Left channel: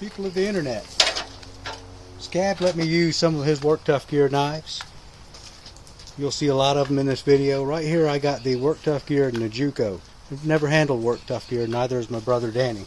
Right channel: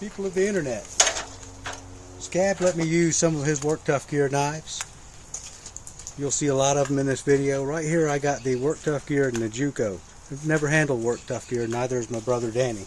People of the internet. Scab let me use some of his Work Tuff Gear knives. You'll see a lot of them in this video. Right here I got the Work Tuff Gear NIJUKKO. I've never handled Work Tuff Gear, neither has my brother Danny.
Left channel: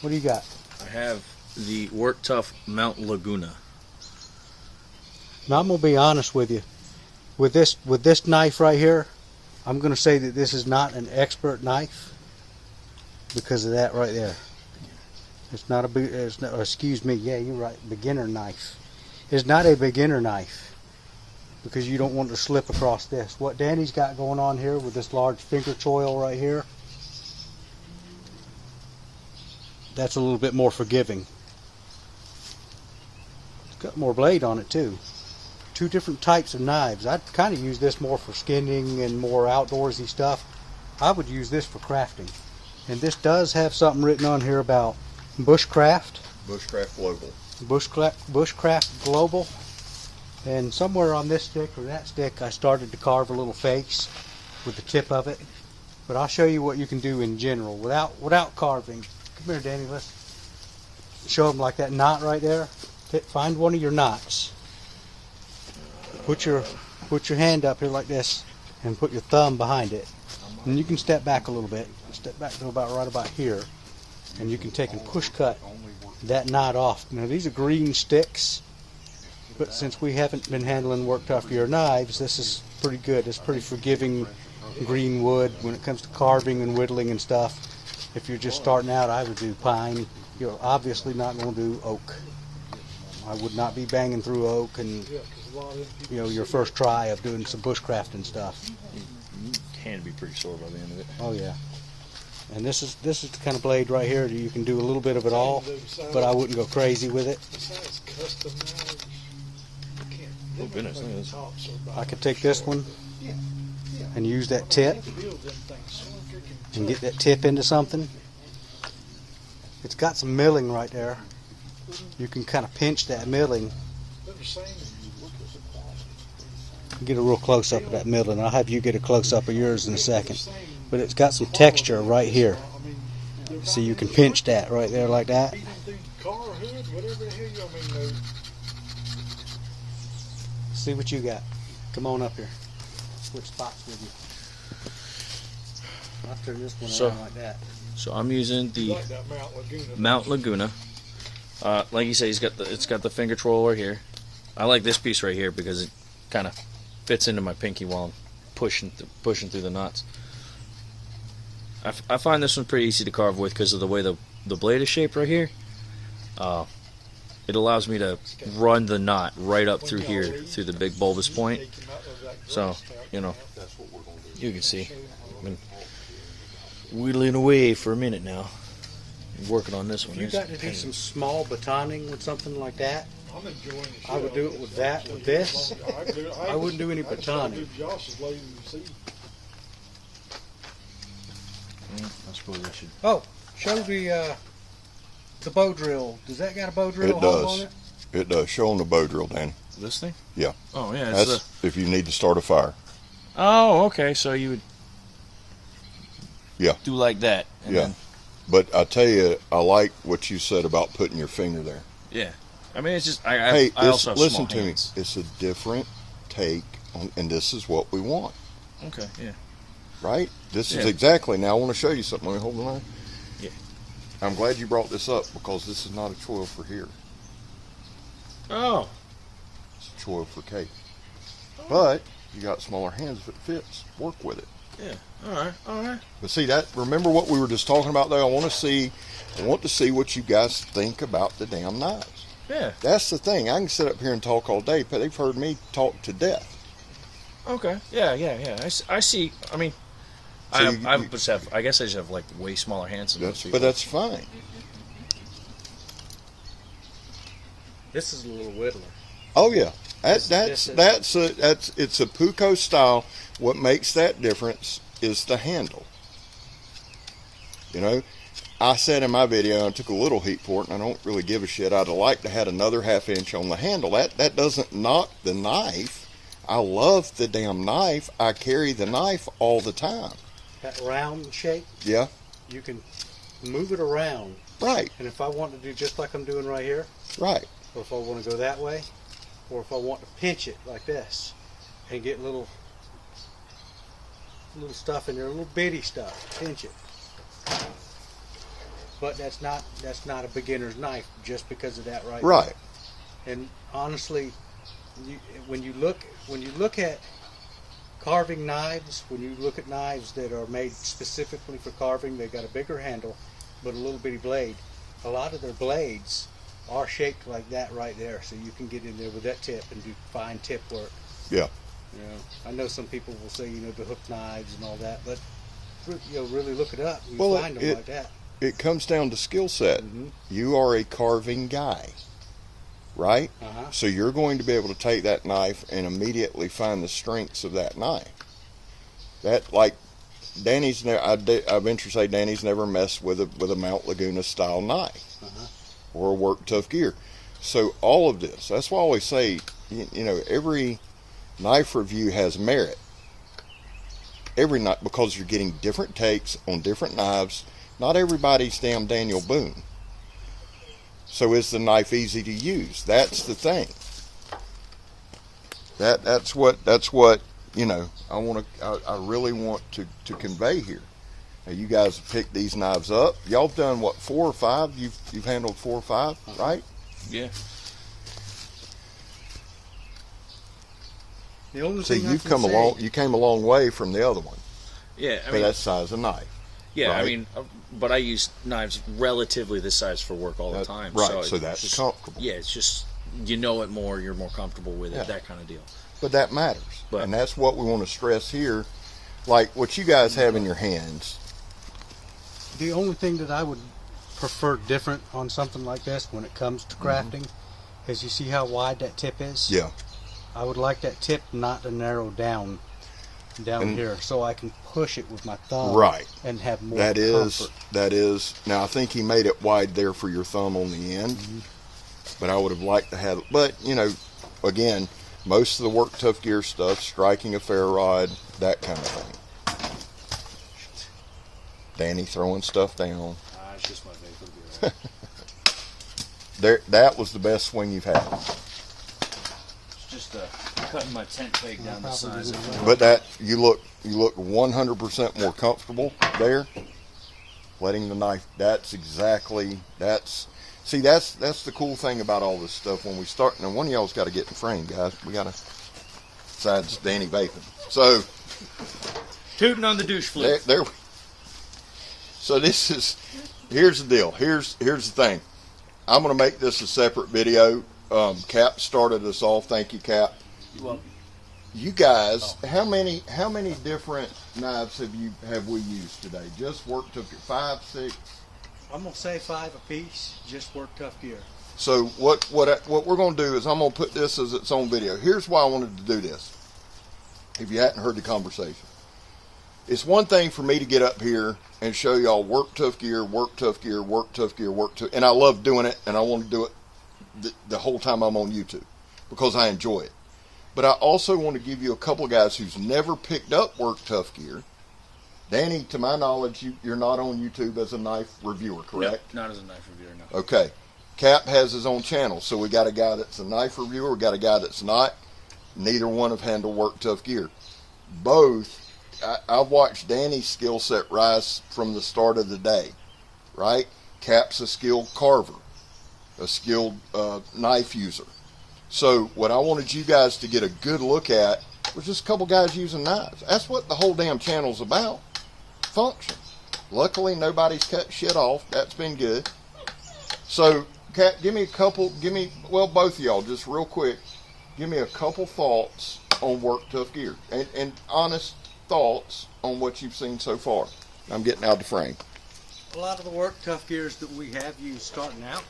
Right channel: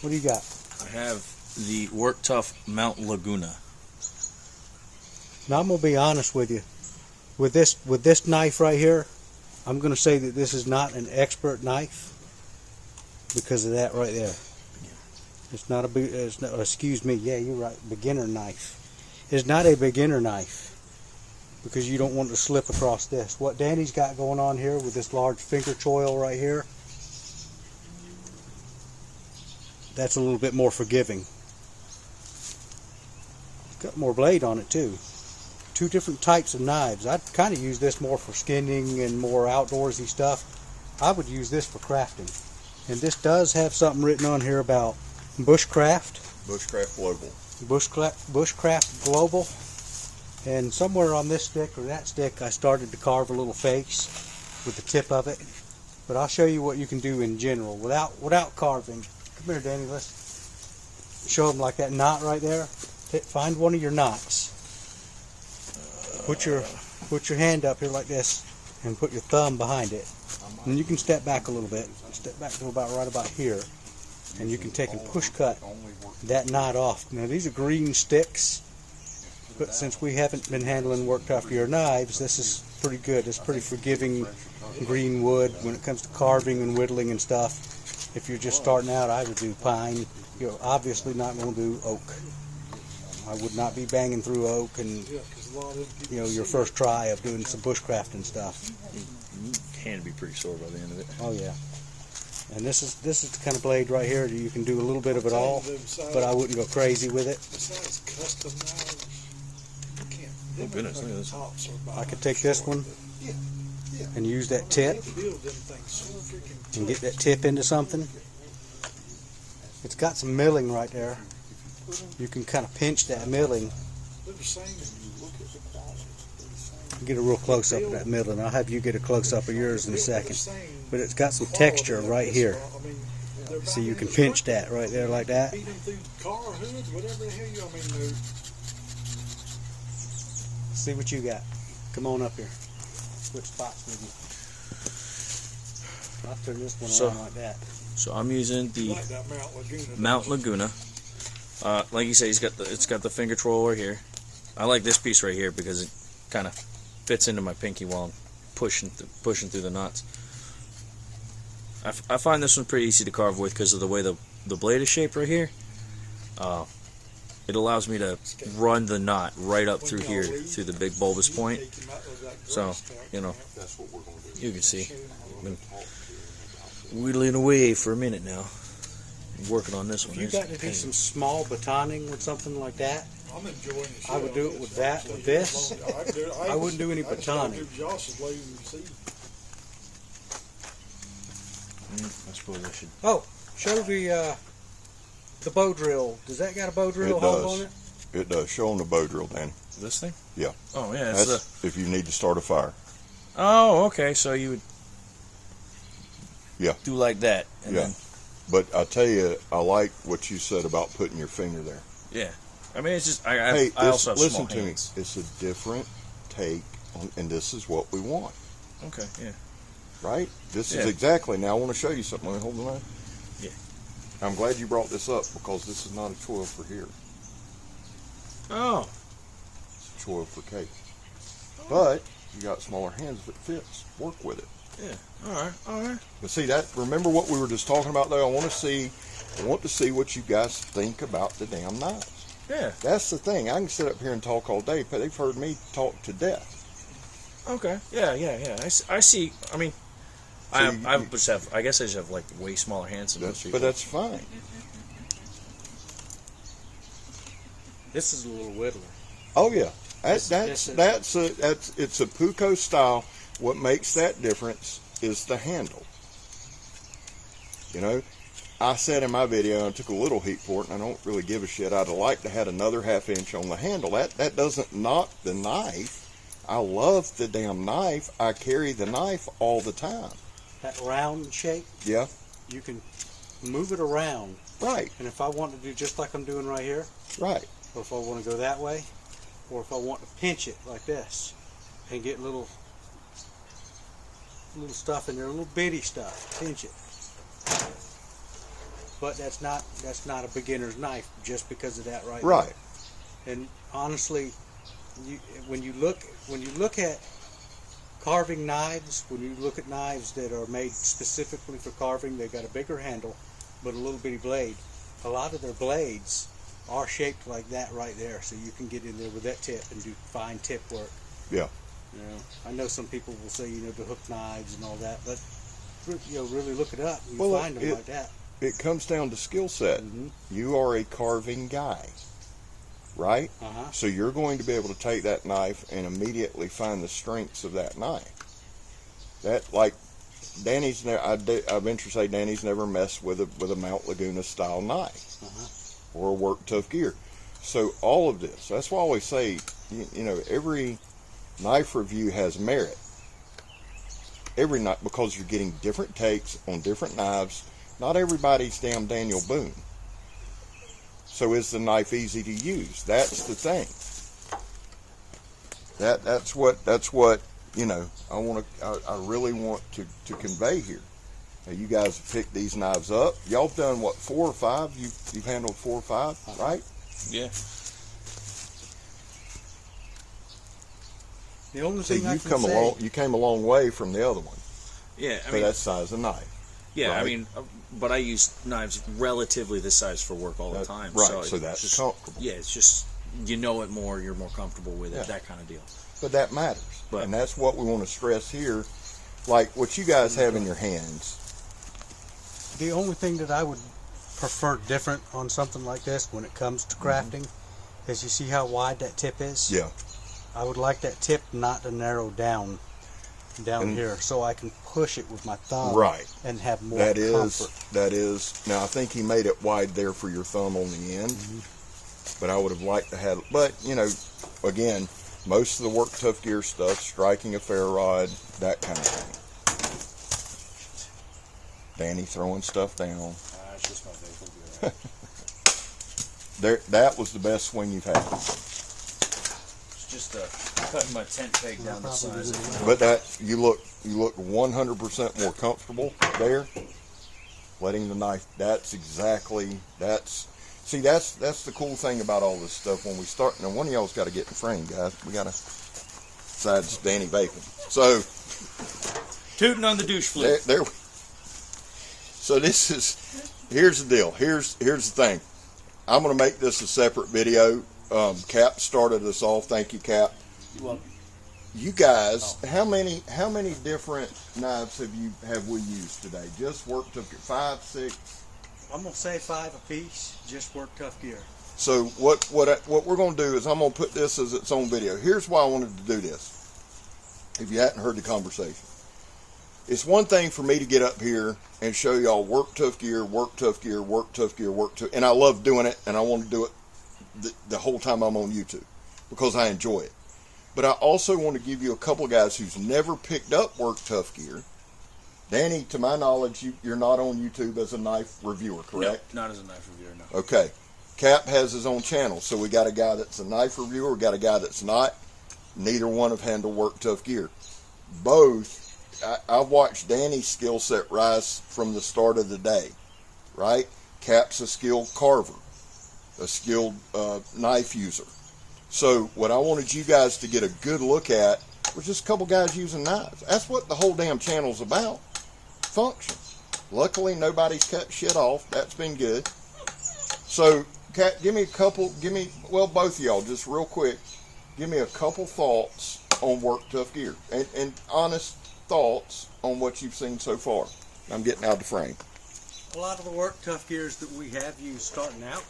What do you got? I have the Work Tuff Mt LAGUNA. Now I'm going to be honest with you. With this knife right here, I'm going to say that this is not an expert knife because of that right there. It's not a, excuse me, yeah, you're right, beginner knife. It's not a beginner knife because you don't want to slip across this. What Danny's got going on here with this large finger choil right here, that's a little bit more forgiving. It's got more blade on it too. Two different types of knives. I'd kind of use this more for skinning and more outdoorsy stuff. I would use this for crafting. And this does have something written on here about bushcraft. Bushcraft Global. Bushcraft Global. And somewhere on this stick or that stick I started to carve a little face with the tip of it. But I'll show you what you can do in general without carving. Come here, Danny, let's show them like that knot right there. Find one of your knots. Put your hand up here like this and put your thumb behind it. And you can step back a little bit. Step back to about right about here. And you can take and push cut that knot off. Now these are green sticks, but since we haven't been handling Work Tuff Gear knives, this is pretty good. It's pretty forgiving green wood when it comes to carving and whittling and stuff. If you're just starting out, I would do pine. You're obviously not going to do oak. I would not be banging through oak and, you know, your first try of doing some bushcraft and stuff. You can be pretty sore by the end of it. Oh yeah. And this is the kind of blade right here that you can do a little bit of it all, but I wouldn't go crazy with it. Oh goodness, look at this. I could take this one and use that tip and get that tip into something. It's got some milling right there. You can kind of pinch that milling. Get a real close up of that milling. I'll have you get a close up of yours in a second. But it's got some texture right here. So you can pinch that right there like that. See what you got. Come on up here. Switch spots with you. I'll turn this one around like that. So I'm using the Mt LAGUNA. Like you say, it's got the finger troll right here. I like this piece right here because it kind of fits into my pinky while I'm pushing through the knots. I find this one pretty easy to carve with because of the way the blade is shaped right here. It allows me to run the knot right up through here, through the big bulbous point. So, you know, you can see. I've been whittling away for a minute now. I'm working on this one. If you got to do some small batoning with something like that, I would do it with that. With this, I wouldn't do any batoning. I suppose I should. Oh, show the bow drill. Does that got a bow drill hole on it? It does. Show on the bow drill, Danny. This thing? Yeah. Oh yeah. That's if you need to start a fire. Oh, okay. So you would. Yeah. Do like that. And then, but I tell you, I like what you said about putting your finger there. Yeah. I mean, it's just Hey, I also have listen small to me. hands. It's a different take on, and this is what we want. Okay. Yeah. Right? This is exactly. Now I want to show you something. Let me hold on. Yeah. I'm glad you brought this up because this is not a choil for here. Oh. It's a choil for cake. But you got smaller hands if it fits. Work with it. Yeah. All right. All right. But see that? Remember what we were just talking about though? I want to see what you guys think about the damn knives. Yeah. That's the thing. I can sit up here and talk all day, but they've heard me talk to death. Okay. Yeah. I see. I mean, So I guess I just have like way smaller hands than most people. But that's fine. This is a little whittler. Oh yeah, it's a Puko style. What makes that difference is the handle. You know, I said in my video, I took a little heat for it, and I don't really give a shit. I'd have liked to have another ½ inch on the handle. That doesn't knock the knife. I love the damn knife. I carry the knife all the time. That round shape. Yeah. You can move it around. Right. And if I want to do just like I'm doing right here, Right. or if I want to go that way, or if I want to pinch it like this and get little stuff in there, little bitty stuff, pinch it. But that's not a beginner's knife just because of that right Right. there. And honestly, when you look at carving knives, when you look at knives that are made specifically for carving, they got a bigger handle but a little bitty blade. A lot of their blades are shaped like that right there, so you can get in there with that tip and do fine tip work. Yeah. You know, I know some people will say, the hook knives and all that, but really look it up. You find them like that. It comes down to skill set. Mm-hmm. You are a carving guy, right? Uh-huh. So you're going to be able to take that knife and immediately find the strengths of that knife. That, like, Danny's never. I venture to say Danny's never messed with a Mt Laguna style knife, Uh-huh. or a Work Tough gear. So all of this. That's why I always say, every knife review has merit. Every knife, because you're getting different takes on different knives. Not everybody's damn Daniel Boone. So is the knife easy to use? That's the thing. That's what I really want to convey here. Now, you guys have picked these knives up. Y'all have done what, 4 or 5? You've handled 4 or 5, right? Yeah. The only So thing you came a long way from the other one. Yeah, For that size of knife. Yeah, right? I mean, but I use knives relatively this size for work all the time. Right, so that's just comfortable. Yeah, it's just, it more, you're more comfortable with it, that kind of deal. But that matters. But, and that's what we want to stress here. Like what you guys have in your hands. The only thing that I would prefer different on something like this when it comes to crafting is, you see how wide that tip is? Yeah. I would like that tip not to narrow down here, so I can push it with my thumb, right, and have more comfort. That is. Now I think he made it wide there for your thumb on the end, but I would have liked to have. But again, most of the Work Tough gear stuff, striking a fair rod, that kind of thing. Danny throwing stuff down. It's just my vapor. That was the best swing you've had. Just cutting my tent peg down the size of it. But you look 100% more comfortable there. Letting the knife. That's the cool thing about all this stuff when we start. Now one of y'all's got to get in frame, guys. We got to. Besides Danny vaping. So tooting on the douche flip. There. So here's the deal. Here's the thing. I'm going to make this a separate video. Cap started us off. Thank you, Cap. You're welcome. You guys, how many different knives have we used today? Just Work Tough gear, 5, 6. I'm gonna say 5 apiece. Just Work Tough gear. So what we're gonna do is I'm gonna put this as its own video. Here's why I wanted to do this. If you hadn't heard the conversation, it's one thing for me to get up here and show y'all Work Tough gear, Work Tough gear, Work Tough gear, and I love doing it, and I want to do it the whole time I'm on YouTube because I enjoy it. But I also want to give you a couple of guys who's never picked up Work Tough gear. Danny, to my knowledge, you're not on YouTube as a knife reviewer, correct? Nope, not as a knife reviewer, no. Okay. Cap has his own channel, so we got a guy that's a knife reviewer, we got a guy that's not. Neither one have handled Work Tough gear. Both, I've watched Danny's skill set rise from the start of the day, right? Cap's a skilled carver, a skilled knife user. So what I wanted you guys to get a good look at was just a couple guys using knives. That's what the whole damn channel's about. Function. Luckily, nobody's cut shit off. That's been good. So, Kat, both of y'all, just real quick, give me a couple thoughts on Work Tough gear. And honest thoughts on what you've seen so far. I'm getting out of the frame. A lot of the Work Tough gears that we have used starting out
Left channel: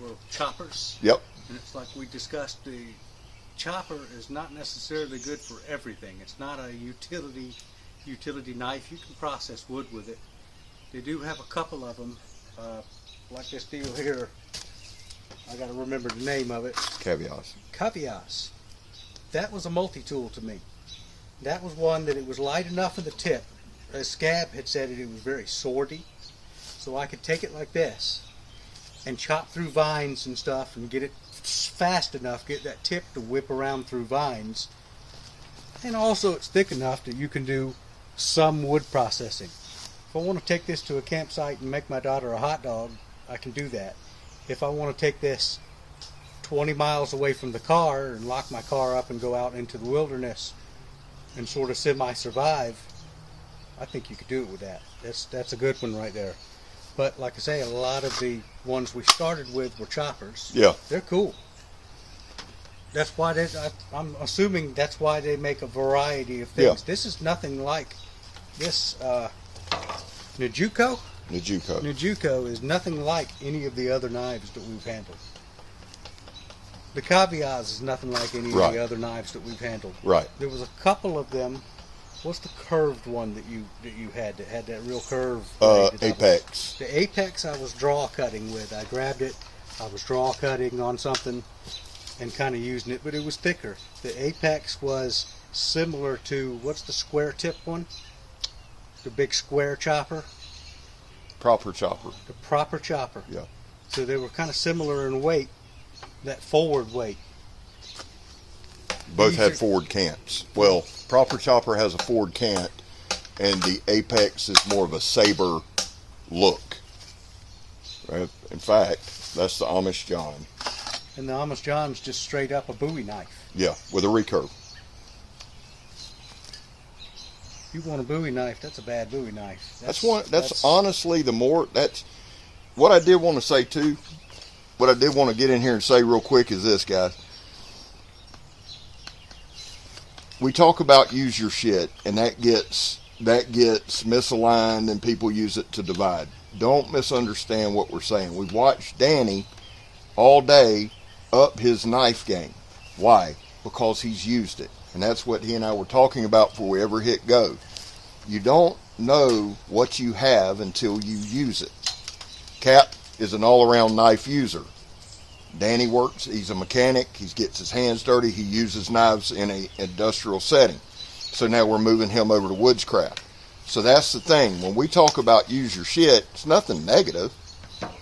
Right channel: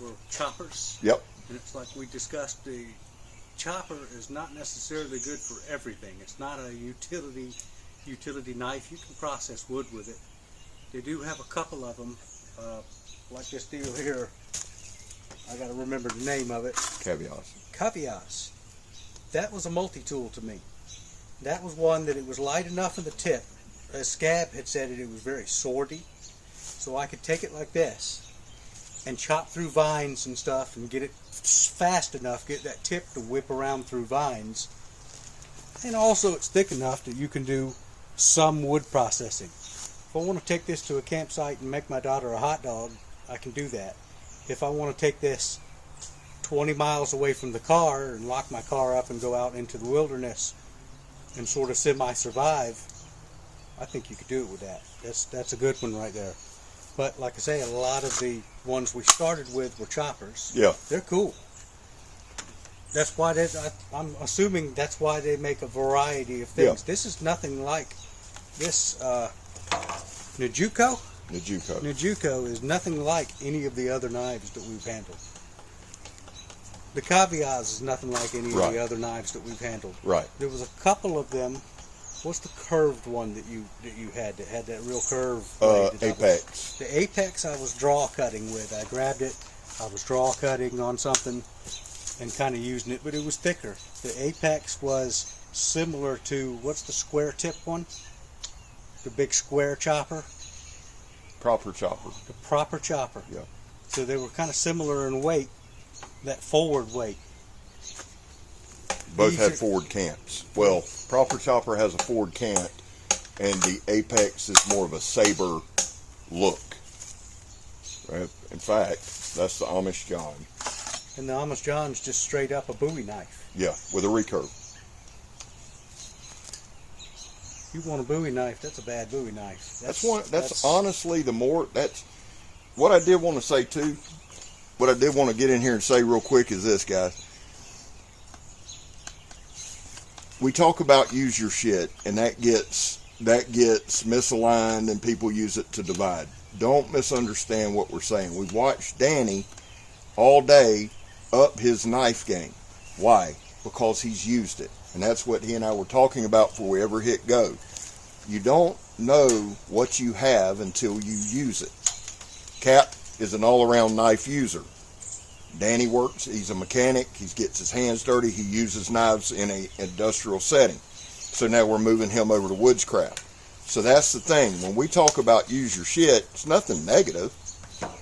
were choppers. Yep. And it's like we discussed, the chopper is not necessarily good for everything. It's not a utility knife. You can process wood with it. They do have a couple of them, like this deal here. I got to remember the name of it. Cavias. That was a multi-tool to me. That was one that it was light enough in the tip. As Scab had said it was very swordy. so I could take it like this and chop through vines and stuff and get it fast enough, get that tip to whip around through vines. And also it's thick enough that you can do some wood processing. If I want to take this to a campsite and make my daughter a hot dog, I can do that. If I want to take this 20 miles away from the car and lock my car up and go out into the wilderness and sort of semi-survive, I think you could do it with that. That's a good one right there. But like I say, a lot of the ones we started with were choppers. Yeah. They're cool. That's why I'm assuming that's why they make a variety of things. Yeah. This is nothing like this NIJUKKO. NIJUKKO is nothing like any of the other knives that we've handled. The Caviaz is nothing like any of the other knives that we've handled. Right. There was a couple of them. What's the curved one that you had that had that real curve? Apex. The Apex I was draw cutting with. I grabbed it. I was draw cutting on something and kind of using it, but it was thicker. The Apex was similar to, what's the square tip one? The big square chopper? Proper chopper. The proper chopper. Yeah. So they were kind of similar in weight, that forward weight. Both had forward cants. Well, proper chopper has a forward cant, and the Apex is more of a saber look. Right? In fact, that's the Amish John. And the Amish John's just straight up a Bowie knife. Yeah, with a recurve. You want a Bowie knife? That's a bad Bowie knife. That's honestly the more. That's what I did want to say too. What I did want to get in here and say real quick is this, guys. We talk about use your shit, and that gets misaligned, and people use it to divide. Don't misunderstand what we're saying. We've watched Danny all day up his knife game. Why? Because he's used it. And that's what he and I were talking about before we ever hit go. You don't know what you have until you use it. Cap is an all-around knife user. Danny works, he's a mechanic, he gets his hands dirty, he uses knives in an industrial setting. So now we're moving him over to woodscraft. So that's the thing. When we talk about use your shit, it's nothing negative.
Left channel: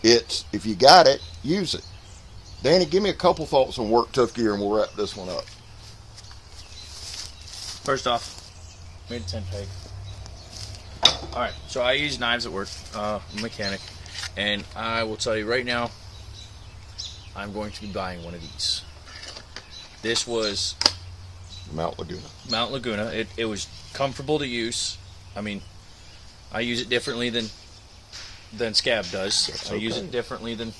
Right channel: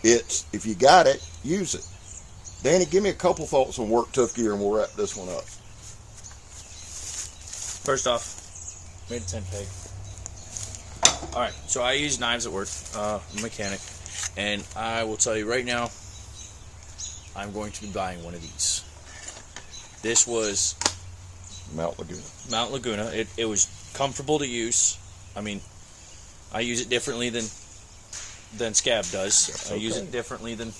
It's, if you got it, use it. Danny, give me a couple thoughts on work tough gear and we'll wrap this one up. First off, made a 10 peg. Alright, so I use knives at work. I'm a mechanic. And I will tell you right now, I'm going to be buying one of these. This was Mt Laguna. Mt Laguna. It was comfortable to use. I mean, I use it differently than Scab does. I use it differently than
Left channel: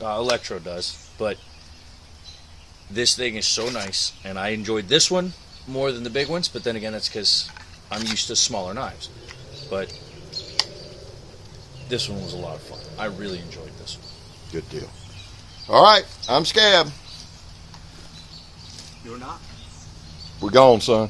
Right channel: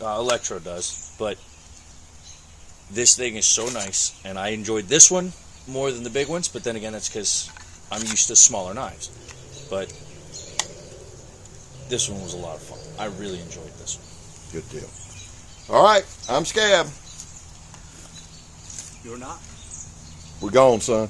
Electro does. But this thing is so nice, and I enjoyed this one more than the big ones. But then again, that's because I'm used to smaller knives. But this one was a lot of fun. I really enjoyed this one. Good deal. All right, I'm Scab. You're not? We're gone, son.